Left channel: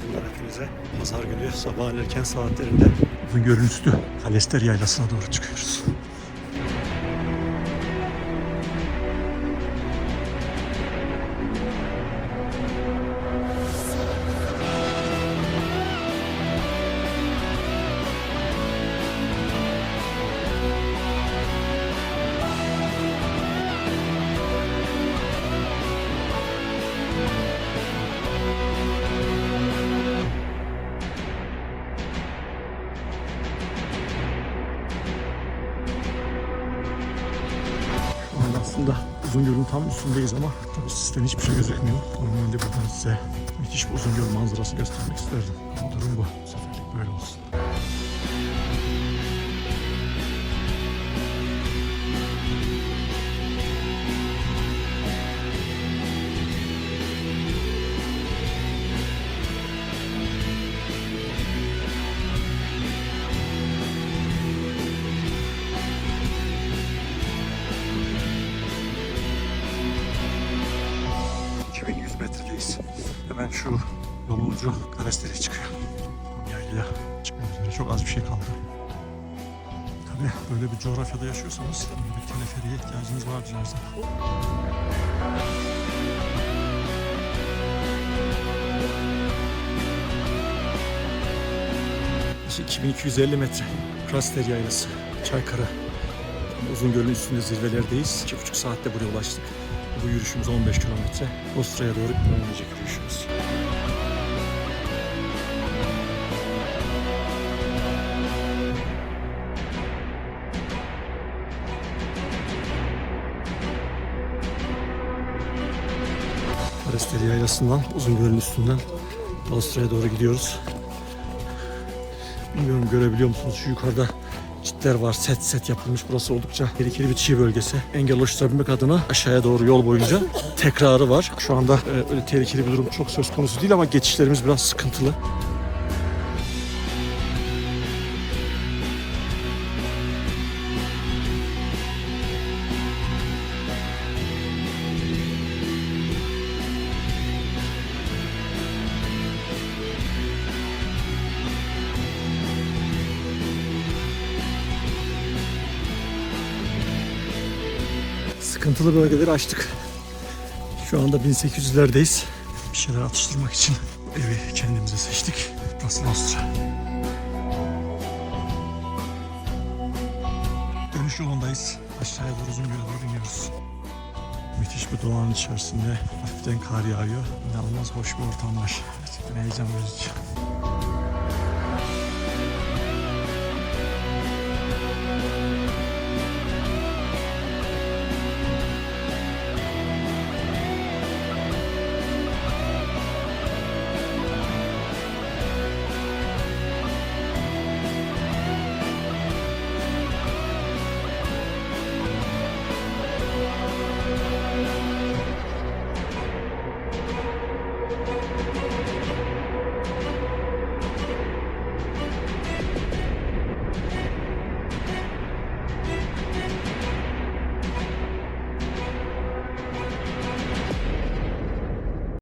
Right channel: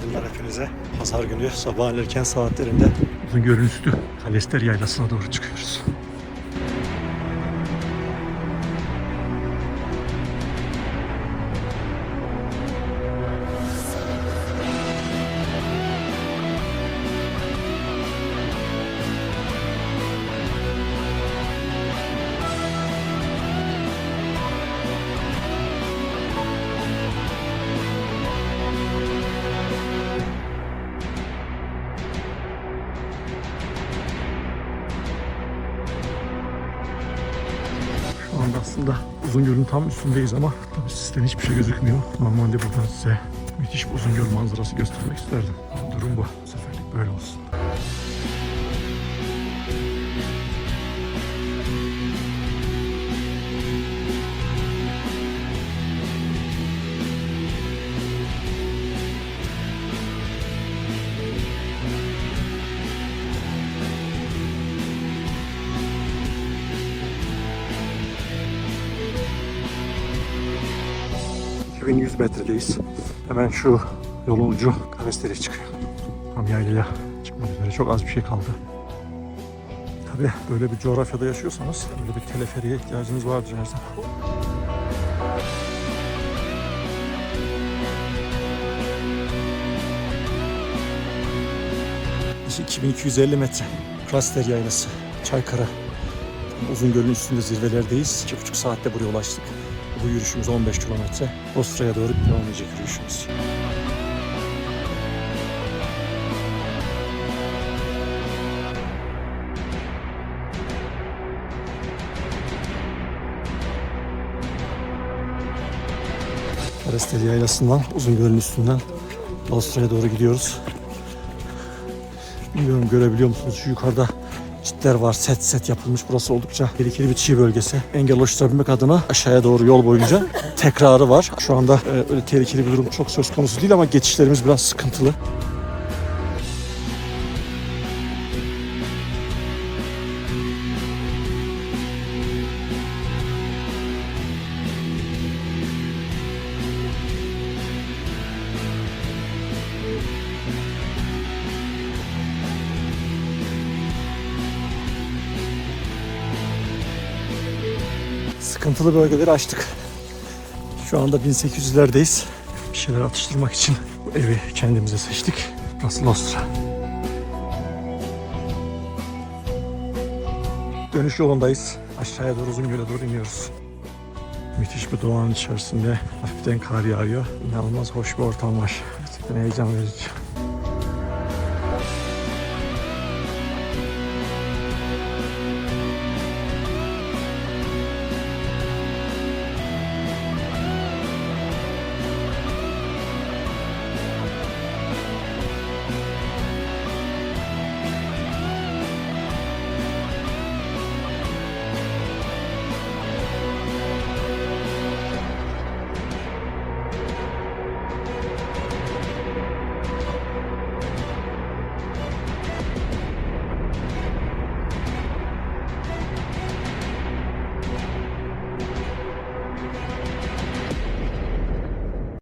Günaydınlar hepinize. Pazar günü sabahın erken saatlerinde Uzungöl'ün üstü Kalester Yaylası'na doğru çıkıyoruz. Şu anda aslında Uzungöl'ün tam üstündeyiz ama tabii sistem hiçbir şey gözükmüyor. Normalde buradan size müthiş bir Uzungöl manzarası göstermek isterdim. Durum bu. Bu seferlik böyle olsun. ...2100 metredeyiz. Hemen şu yolun ucu Kalestere çıkıyor. Tam yaylaya çıkmak üzere. Çok az bir şey kaldı. Tabii böyle bir coğrafyada yaşıyorsanız böyle bir teleferiye ihtiyacınız vardır her zaman. İşte 2250 metre. Kalestere Yaylası, Çaykara. Uzungöl'ün üstünde zirvelerdeyiz. 2,5 saatte buraya ulaştık. Bu yürüyüşümüz 15 kilometre. Ostra'ya doğru devam edecek yürüyüşümüz. Kalestere Yaylası'ndan, Uzungöl'ün üstünden Ostra'ya doğru gidiyoruz. Bilmiyorum görebiliyor musunuz? Şu yukarıda çitler var. Set yapılmış. Burası oldukça tehlikeli bir çiğ bölgesi. Engel oluşturabilmek adına aşağıya doğru yol boyunca tekrarı var. Şu anda öyle tehlikeli bir durum çok söz konusu değil ama geçişlerimiz biraz sıkıntılı. Sıkıntılı bölgeleri açtık. Şu anda 1800'lerdeyiz. Bir şeyler atıştırmak için bu evi kendimize seçtik. Burası Ostra. Dönüş yolundayız. Aşağıya doğru Uzungöl'e doğru iniyoruz. Müthiş bir doğanın içerisinde hafiften kar yağıyor. İnanılmaz hoş bir ortam var. Gerçekten heyecan verici.